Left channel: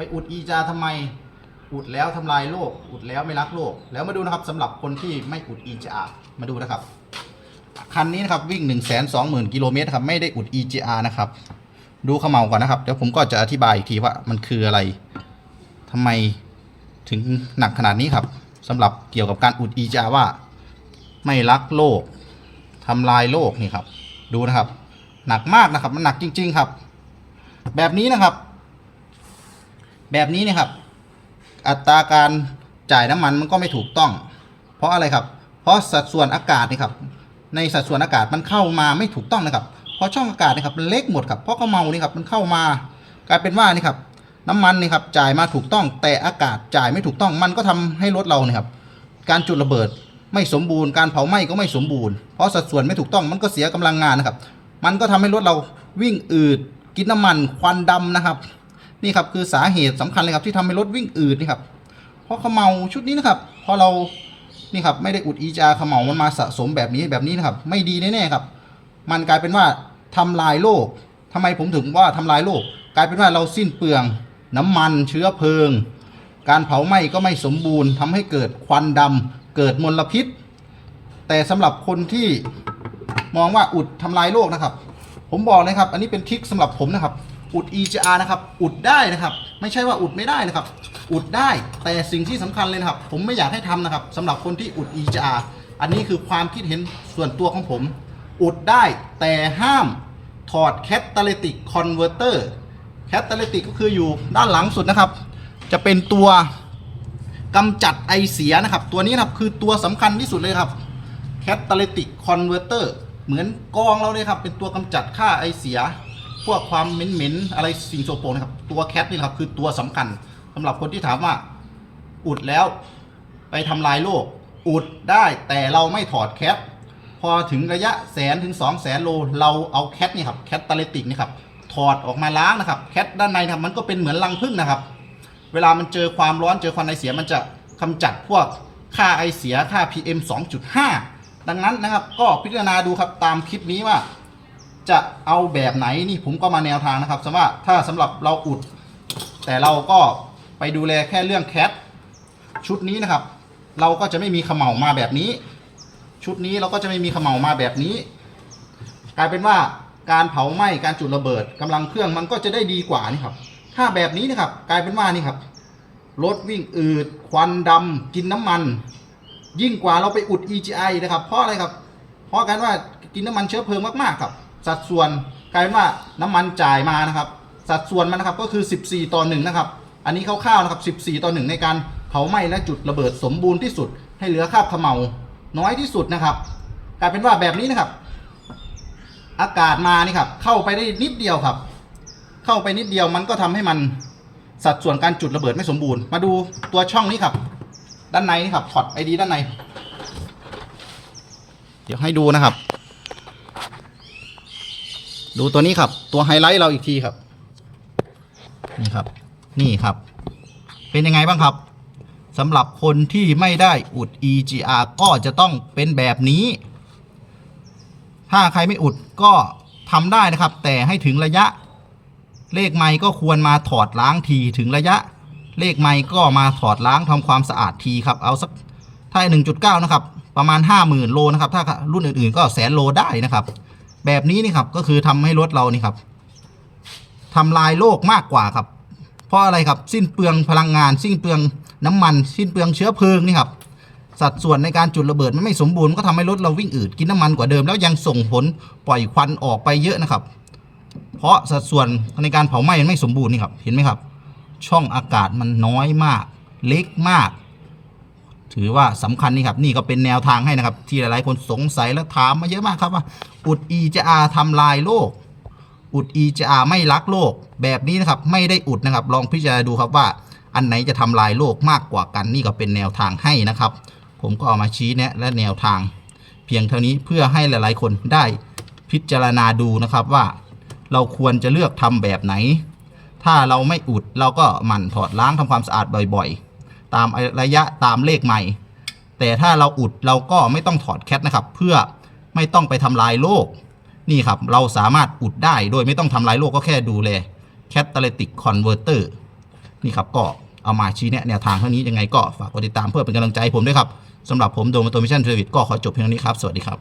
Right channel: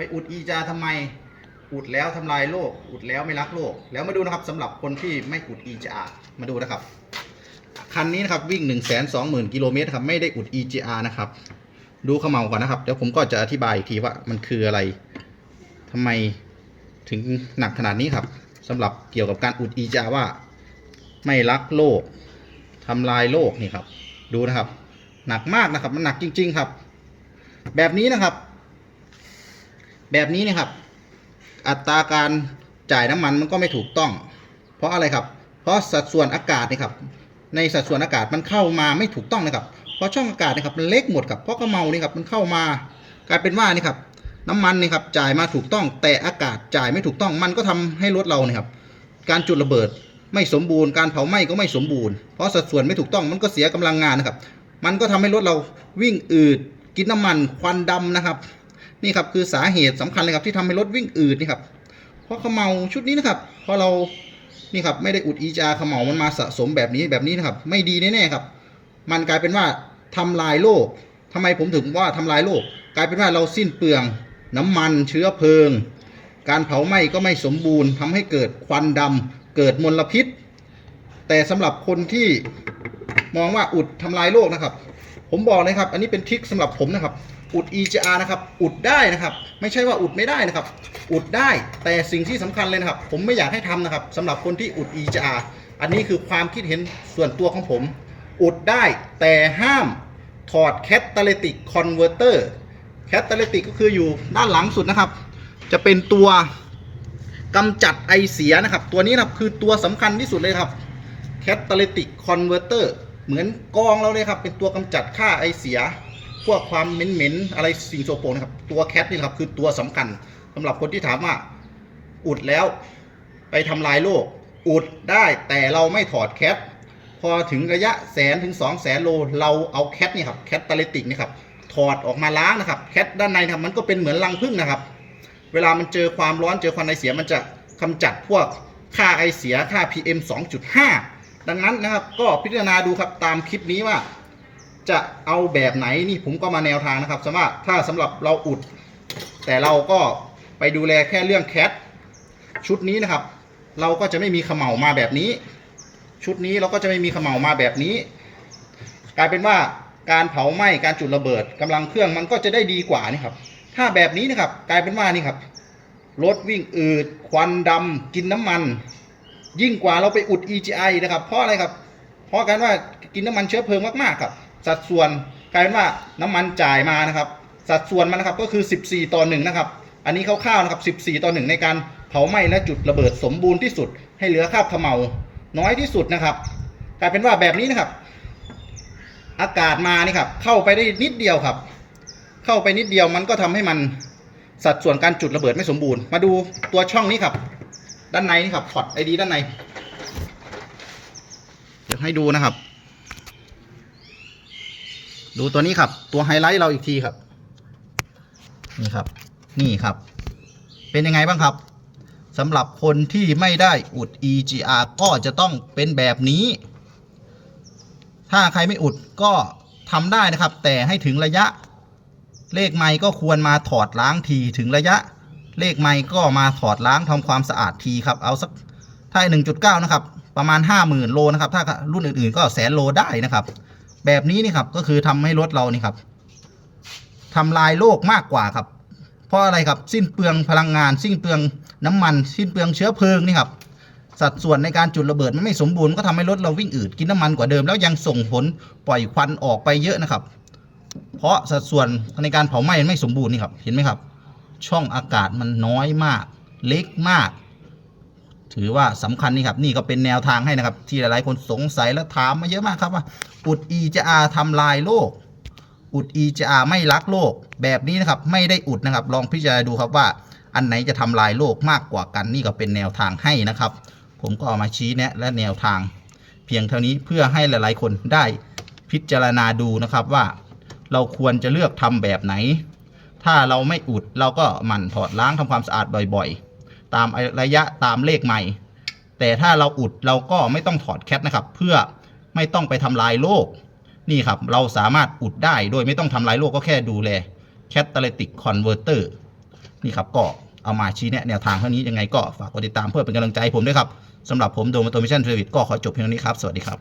ไปอุดอีจาทำไม อุดแล้วทำลายโลก อุดแล้วไม่รักโลก แล้วมาดูนะครับสำหรับคนที่ไม่อุดอีจามาดูนะครับ คันนี้นะครับวิ่ง 1 2 0 0 0 0กิโลเมตรครับไม่ได้อุด EGR นะครับ ดูเขมเมาก่อนนะครับ เดี๋ยวผมก็จะอธิบายอีกทีว่ามันคืออะไรทำไมถึงหนักขนาดนี้ครับสำหรับเกี่ยวกับการอุด EGR ว่า ไม่รักโลกทำลายโลกนี่ครับ ดูนะครับ หนักมากนะครับ มันหนักจริง ๆ ครับ แบบนี้นะครับ แบบนี้นะครับ อัตราการจ่ายน้ำมันมันก็ไม่ถูกต้อง เพราะอะไรครับ เพราะสัดส่วนอากาศนี่ครับ ในสัดส่วนอากาศมันเข้ามาไม่ถูกต้องนะครับ เพราะช่องอากาศนะครับมันเล็กหมดครับ เพราะเขาเมานี่ครับมันเข้ามากลายเป็นว่านี่ครับน้ำมันนี่ครับจ่ายมาถูกต้อง แต่อากาศจ่ายไม่ถูกต้อง มันก็ทำให้รถเราเนี่ยครับ การจุดระเบิดไม่สมบูรณ์ การเผาไหม้ก็ไม่สมบูรณ์ เพราะสัดส่วนไม่ถูกต้อง มันก็เสียกำลังงานนะครับ มันก็ทำให้รถเราวิ่งอืด กินน้ำมัน ควันดำนะครับ นี่ครับคือสาเหตุสำคัญเลยครับที่ทำให้รถวิ่งอืดนี่ครับเพราะเขาเมาชุดนี้นะครับเพราะเรานี่ครับไม่ได้อุดอีจาเขมเหลามันมาสะสมแบบนี้แบบนี้นะครับ ไม่ดีแน่ๆครับ มันกลายเป็นว่าทำลายโลกทำไมผมถึงว่าทำลายโลก กลายเป็นว่าเราสิ้นเปลือง น้ำมันเชื้อเพลิง การเผาไหม้ก็ไม่สมบูรณ์ทำให้เกิดควันดำเกิดมลพิษ แต่สำหรับคนที่มองว่าอุดทำลายโลกนะครับ ผมบอกเลยครับ อันนี้เป็นทริคสำหรับผมนะครับ อุด EGR นะครับ อุดได้นะครับ ไม่ใช่ว่าอุดไม่ได้นะครับ อุดได้ แต่สิ่งที่สำคัญเลยนะครับ ผมไม่อยากให้ทำนะครับสำหรับคนที่อุด EGR อันนี้คือความคิดเห็นส่วนตัวของผม อุดได้แต่ห้ามถอด Catalytic Converter Catalytic ก็คืออยู่ด้านหลังสุดนะครับ จะเป็นตัวกำจัดไอเสียนะครับ ตัวนี้นะครับคือตัวสำคัญที่สุดเลยครับ Catalytic Converter เตอร์ เหมือนกองเราเลยครับ เป็นตัวกำจัดค่าไอเสีย พวกความเหม็นๆอะไรสิ่งโสโครกนะครับ ตัวแคทนี่ครับคือตัวสำคัญสำหรับคนที่ถามว่า อุดแล้ว ไปทำลายโลก อุดได้แต่เราไม่ถอดแคทพอถึงระยะแสนถึง2 0 0แสนโล เราเอาแคทนี่ครับแคทตาลิติกนี่ครับถอดออกมาล้างนะครับแคทด้านในครับมันก็เป็นเหมือนรังผึ้งนะครับ เวลามันเจอความร้อนเจอควันไอเสียมันจะกำจัดพวกค่าไอเสียค่า PM 2.5 ดังนั้นนะครับก็พิจารณาดูครับตามคลิปนี้ว่า จะเอาแบบไหนนี่ผมก็มาแนวทางนะครับสำหรับถ้าสำหรับเราอุด แต่เราก็ไปดูแลแค่เรื่องแคทชุดนี้นะครับ เราก็จะไม่มีเขม่ามาแบบนี้ ชุดนี้เราก็จะไม่มีเขม่ามาแบบนี้ กลายเป็นว่าการเผาไหม้การจุดระเบิดกำลังเครื่องมันก็จะได้ดีกว่านี่ครับ ถ้าแบบนี้นะครับ กลายเป็นว่านี่ครับรถวิ่งอืดควันดำกินน้ำมัน ยิ่งกว่าเราไปอุด EGI นะครับ เพราะอะไรครับ เพราะกันว่ากินน้ำมันเชื้อเพลิงมากๆครับ สัดส่วนกลายเป็นว่าน้ำมันจ่ายมานะครับ สัดส่วนมันนะครับก็คือ 14 ต่อ1นะครับ อันนี้คร่าวๆนะครับ 14 ต่อ 1 ในการเผาไหม้และจุดระเบิดสมบูรณ์ที่สุด ให้เหลือคราบเขม่าน้อยที่สุดนะครับ กลายเป็นว่าแบบนี้นะครับ อากาศมานี่ครับเข้าไปได้นิดเดียวครับ เข้าไปนิดเดียวมันก็ทำให้มันสัดส่วนการจุดระเบิดไม่สมบูรณ์ มาดูตัวช่องนี้ครับ ด้านในนี่ครับพอร์ตไอดีด้านใน เดี๋ยวให้ดูนะครับ ดูตัวนี้ครับ ตัวไฮไลท์เราอีกทีครับ นี่ครับ นี่ครับ เป็นยังไงบ้างครับสำหรับคนที่ไม่ได้อุด EGR ก็จะต้องเป็นแบบนี้ ถ้าใครไม่อุดก็ทำได้นะครับ แต่ให้ถึงระยะ เลขไม้ก็ควรมาถอดล้างทีถึงระยะ เลขไม้ก็มาถอดล้างทำความสะอาดทีครับ เอาสักถ้า 1.9 นะครับ ประมาณ 50,000 โลนะครับ ถ้ารุ่นอื่นๆ ก็แสนโลได้นะครับ แบบนี้นี่ครับ ก็คือทำให้รถเรานี่ครับทำลายโลกมากกว่าครับ เพราะอะไรครับสิ้นเปลืองพลังงาน สิ้นเปลืองน้ำมัน สิ้นเปลืองเชื้อเพลิงนี่ครับสัดส่วนในการจุดระเบิดมันไม่สมบูรณ์ก็ทำให้รถเราวิ่งอืดกินน้ำมันกว่าเดิม แล้วยังส่งผลปล่อยควันออกไปเยอะนะครับ เพราะสัดส่วนในการเผาไหม้มันไม่สมบูรณ์นี่ครับเห็นไหมครับ ช่องอากาศมันน้อยมาก เล็กมาก ถือว่าสำคัญนี่ครับ นี่ก็เป็นแนวทางให้นะครับ ที่หลายๆคนสงสัยและถามมาเยอะมากครับว่า อุด EGR ทำลายโลก อุด EGR ไม่รักโลก แบบนี้นะครับ ไม่ได้อุดนะครับ ลองพิจารณาดูครับว่า อันไหนจะทำลายโลกมากกว่ากัน นี่ก็เป็นแนวทางให้นะครับ ผมก็เอามาชี้แนะและแนวทาง เพียงเท่านี้เพื่อให้หลายๆ คนได้พิจารณาดูนะครับว่า เราควรจะเลือกทำแบบไหน ถ้าเราไม่อุดเราก็หมั่นถอดล้างทำความสะอาดบ่อยๆ ตามระยะตามเลขใหม่ แต่ถ้าเราอุดเราก็ไม่ต้องถอดแคทนะครับ เพื่อไม่ต้องไปทำลายโลก นี่ครับ เราสามารถอุดได้โดยไม่ต้องทำลายโลกก็แค่ดูแล Catalytic Converter นี่ครับก็เอามาชี้แนะแนวทางเท่านี้ยังไงก็ฝากกดติดตามเพื่อเป็นกำลังใจผมด้วยครับสำหรับผมโดมโตมิชั่นเทรวิตก็ขอจบเพียงเท่านี้ครับ สวัสดีครับ